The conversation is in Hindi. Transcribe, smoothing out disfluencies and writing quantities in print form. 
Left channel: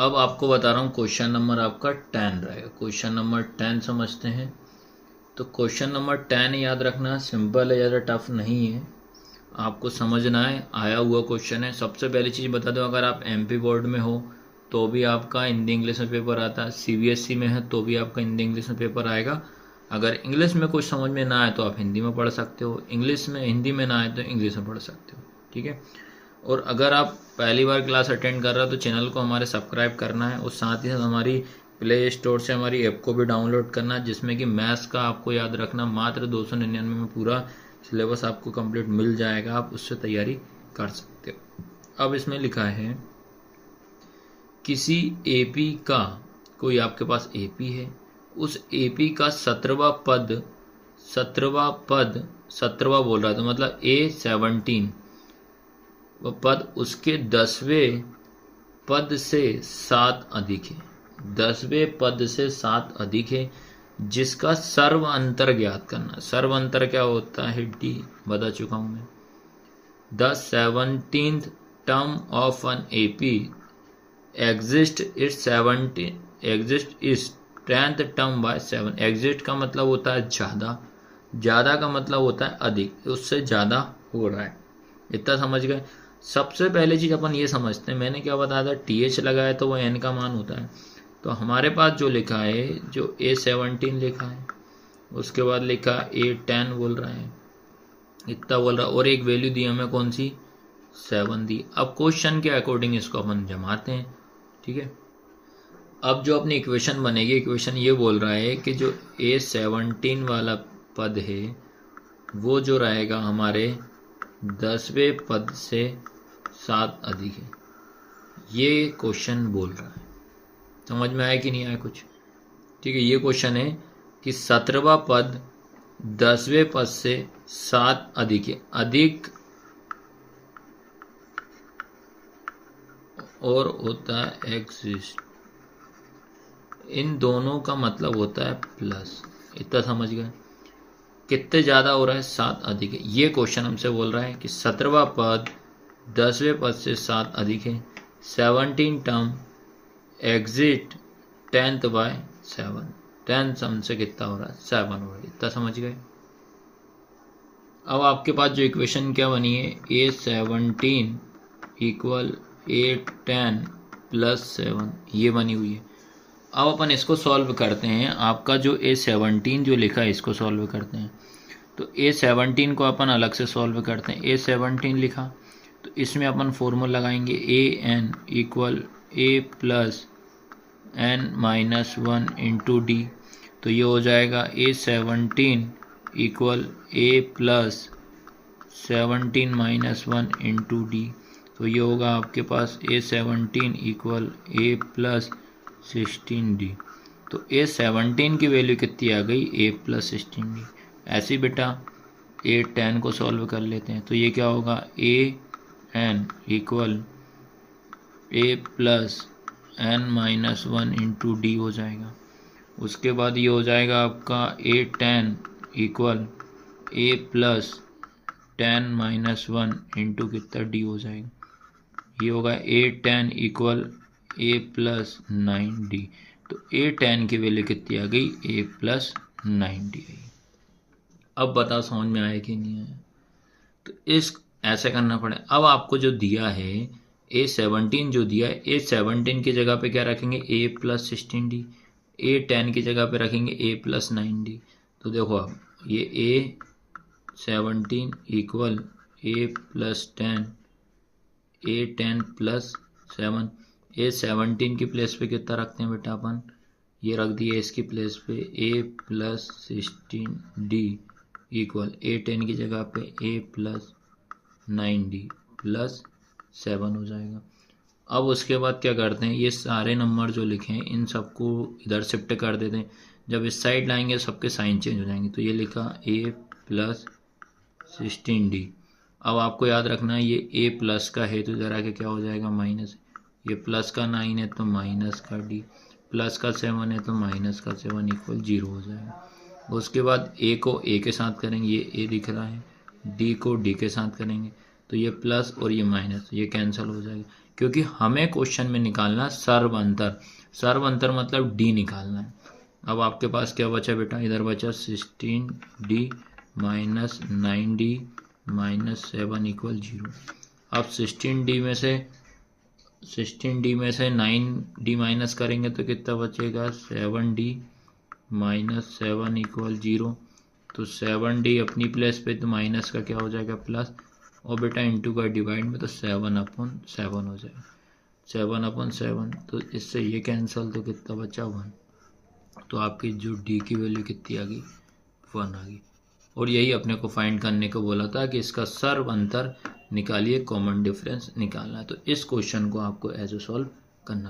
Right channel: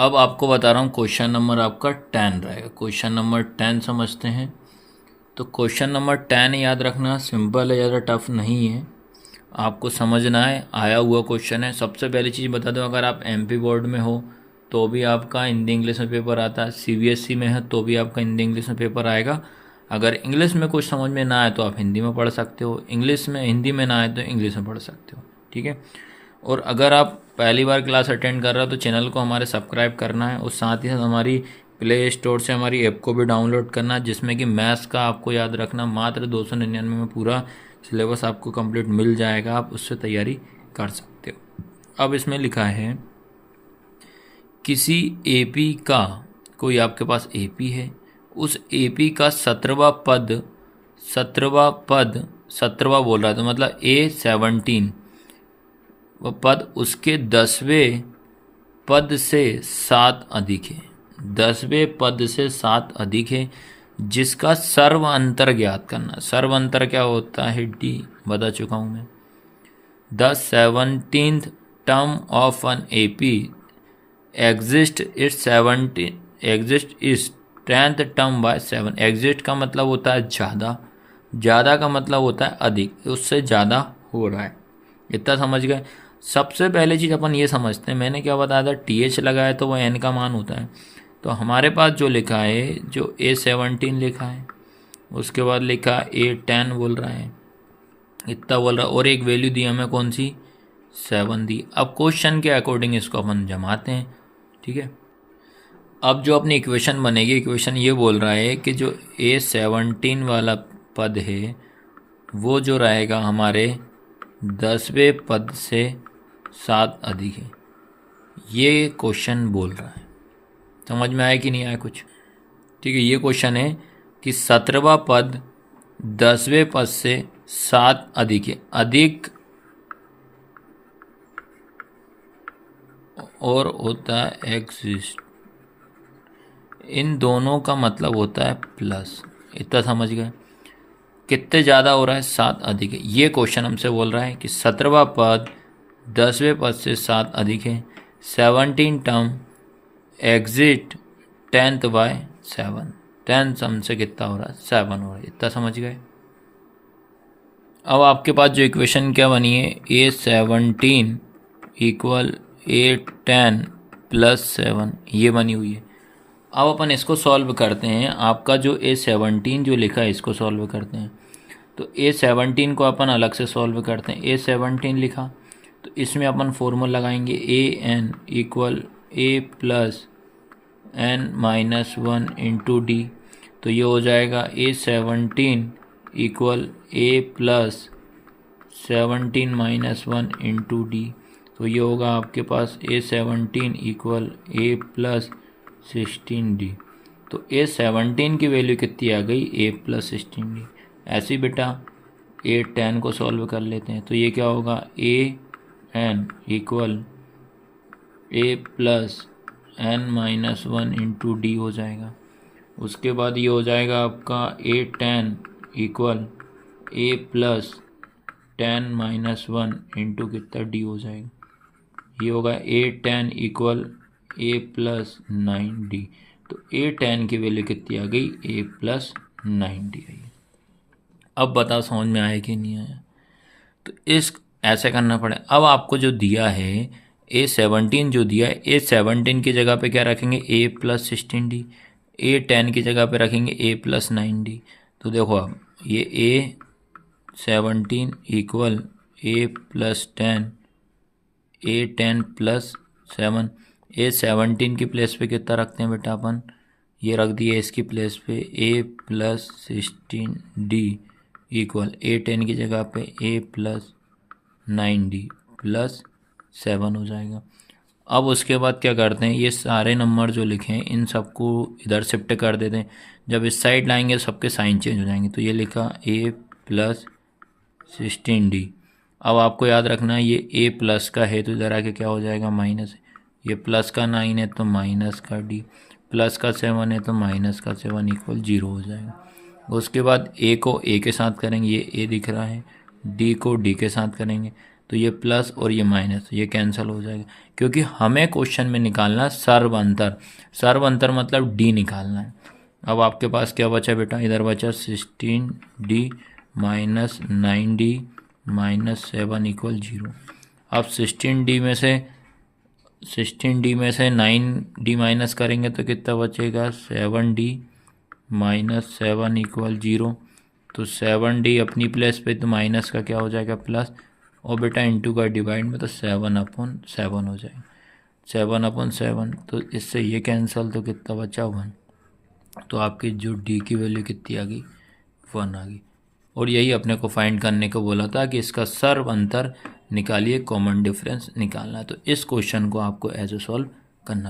अब आपको बता रहा हूँ क्वेश्चन नंबर आपका 10 रहेगा। क्वेश्चन नंबर 10 समझते हैं। तो क्वेश्चन नंबर 10 याद रखना सिंपल है, ज़्यादा टफ नहीं है, आपको समझना है, आया हुआ क्वेश्चन है। सबसे पहली चीज़ बता दूँ, अगर आप एमपी बोर्ड में हो तो भी आपका हिंदी इंग्लिश में पेपर आता है, सीबीएसई में है तो भी आपका हिंदी इंग्लिश में पेपर आएगा। अगर इंग्लिश में कुछ समझ में ना आए तो आप हिंदी में पढ़ सकते हो, इंग्लिश में हिंदी में ना आए तो इंग्लिश में पढ़ सकते हो, ठीक है। और अगर आप पहली बार क्लास अटेंड कर रहे हो तो चैनल को हमारे सब्सक्राइब करना है, और साथ ही साथ हमारी प्ले स्टोर से हमारी ऐप को भी डाउनलोड करना है, जिसमें कि मैथ्स का आपको याद रखना मात्र 299 में पूरा सिलेबस आपको कंप्लीट मिल जाएगा, आप उससे तैयारी कर सकते हो। अब इसमें लिखा है किसी एपी का, कोई आपके पास एपी है, उस एपी का 17वां पद, 17वां बोल रहा था मतलब A17 वो पद उसके 10वें पद से 7 अधिक है, 10वें पद से 7 अधिक है, जिसका सर्व अंतर ज्ञात करना। सर्व अंतर क्या होता है, डी बता चुका हूँ मैं। The 17th term of an AP exist इस 10th टर्म बाय 7। एग्जिस्ट का मतलब होता है ज़्यादा, ज़्यादा का मतलब होता है अधिक, उससे ज़्यादा हो रहा है। इतना समझ गए। सबसे पहले चीज़ अपन ये समझते हैं, मैंने क्या बताया था, TH लगाए तो वो N का मान होता है। तो हमारे पास जो लिखा है, जो A17 लिखा है, उसके बाद लिखा A10 बोल रहा है, इतना बोल रहा है, और एक वैल्यू दी हमें कौन सी, 7 दी। अब क्वेश्चन के अकॉर्डिंग इसको अपन जमाते हैं, ठीक है। अब जो अपनी इक्वेशन बनेगी, इक्वेशन ये बोल रहा है कि जो A17 वाला पद है वो जो रहेगा हमारे 10वें पद से 7 अधिक है, ये क्वेश्चन बोल रहा है। समझ में आया कि नहीं आया कुछ, ठीक है। ये क्वेश्चन है कि 17वां पद 10वें पद से 7 अधिक है, अधिक और होता है एग्जिस्ट, इन दोनों का मतलब होता है प्लस। इतना समझ गए। कितने ज़्यादा हो रहा है, 7 अधिक है। ये क्वेश्चन हमसे बोल रहा है कि 17वां पद 10वें पद से 7 अधिक है, 17 टर्म एग्जिट 10th बाय 7, 10 हमसे कितना हो रहा है, 7 हो रहा है। इतना समझ गए। अब आपके पास जो इक्वेशन क्या बनी है, A17 इक्वल A10 प्लस 7, ये बनी हुई है। अब अपन इसको सॉल्व करते हैं। आपका जो A17 जो लिखा है इसको सॉल्व करते हैं। तो A17 को अपन अलग से सॉल्व करते हैं। A17 लिखा तो इसमें अपन फॉर्मूला लगाएंगे AN equal A plus N-1 into D. तो ये हो जाएगा A17 equal A plus 17-1 into D. तो ये होगा आपके पास A17 equal A plus 16D। तो A17 की वैल्यू कितनी आ गई, A प्लस 16D। ऐसे ही बेटा A10 को सॉल्व कर लेते हैं। तो ये क्या होगा, AN equal A plus N-1 into D हो जाएगा। उसके बाद ये हो जाएगा आपका A10 equal A plus 10-1 into कितना डी हो जाएगा। ये होगा A10 equal A plus 9D। तो A10 की वैल्यू कितनी आ गई, A प्लस 9D आई। अब बता समझ में आया कि नहीं आया। तो इस ऐसे करना पड़े। अब आपको जो दिया है A17 जो दिया है, A17 की जगह पे क्या रखेंगे, A प्लस 16D। A10 की जगह पे रखेंगे A प्लस 9D। तो देखो अब ये A17 equal A plus 10, A10 plus 7। A17 की प्लेस पे कितना रखते हैं बेटा अपन, ये रख दिया इसकी प्लेस पे A plus 16D equal A10 की जगह पे A प्लस 9D प्लस 7 हो जाएगा। अब उसके बाद क्या करते हैं, ये सारे नंबर जो लिखे हैं इन सबको इधर शिफ्ट कर देते हैं। जब इस साइड लाएंगे सबके साइन चेंज हो जाएंगे। तो ये लिखा A प्लस 16D। अब आपको याद रखना है ये A प्लस का है तो इधर आके क्या हो जाएगा, माइनस। ये प्लस का 9 है तो माइनस का D, प्लस का 7 है तो माइनस का 7 इक्वल 0 हो जाएगा। उसके बाद A को A के साथ करेंगे, ये A दिख रहा है, D को D के साथ करेंगे तो ये प्लस और ये माइनस, ये कैंसिल हो जाएगा। क्योंकि हमें क्वेश्चन में निकालना है सर्व अंतर। सर्व अंतर मतलब डी निकालना है। अब आपके पास क्या बचा बेटा, इधर बचा 16D minus 9D minus 7 equal 0। अब 16D में से 9D माइनस करेंगे तो कितना बचेगा, 7D माइनस 7 इक्वल 0। तो 7D अपनी प्लेस पे तो माइनस का क्या हो जाएगा प्लस, और बेटा इंटू का डिवाइड में तो 7/7 हो जाएगा, 7/7। तो इससे ये कैंसिल, तो कितना बचा 1। तो आपकी जो डी की वैल्यू कितनी आ गई, 1 आ गई। और यही अपने को फाइंड करने को बोला था कि इसका सर्व अंतर निकालिए, कॉमन डिफरेंस निकालना। तो इस क्वेश्चन को आपको ऐसे सॉल्व करना।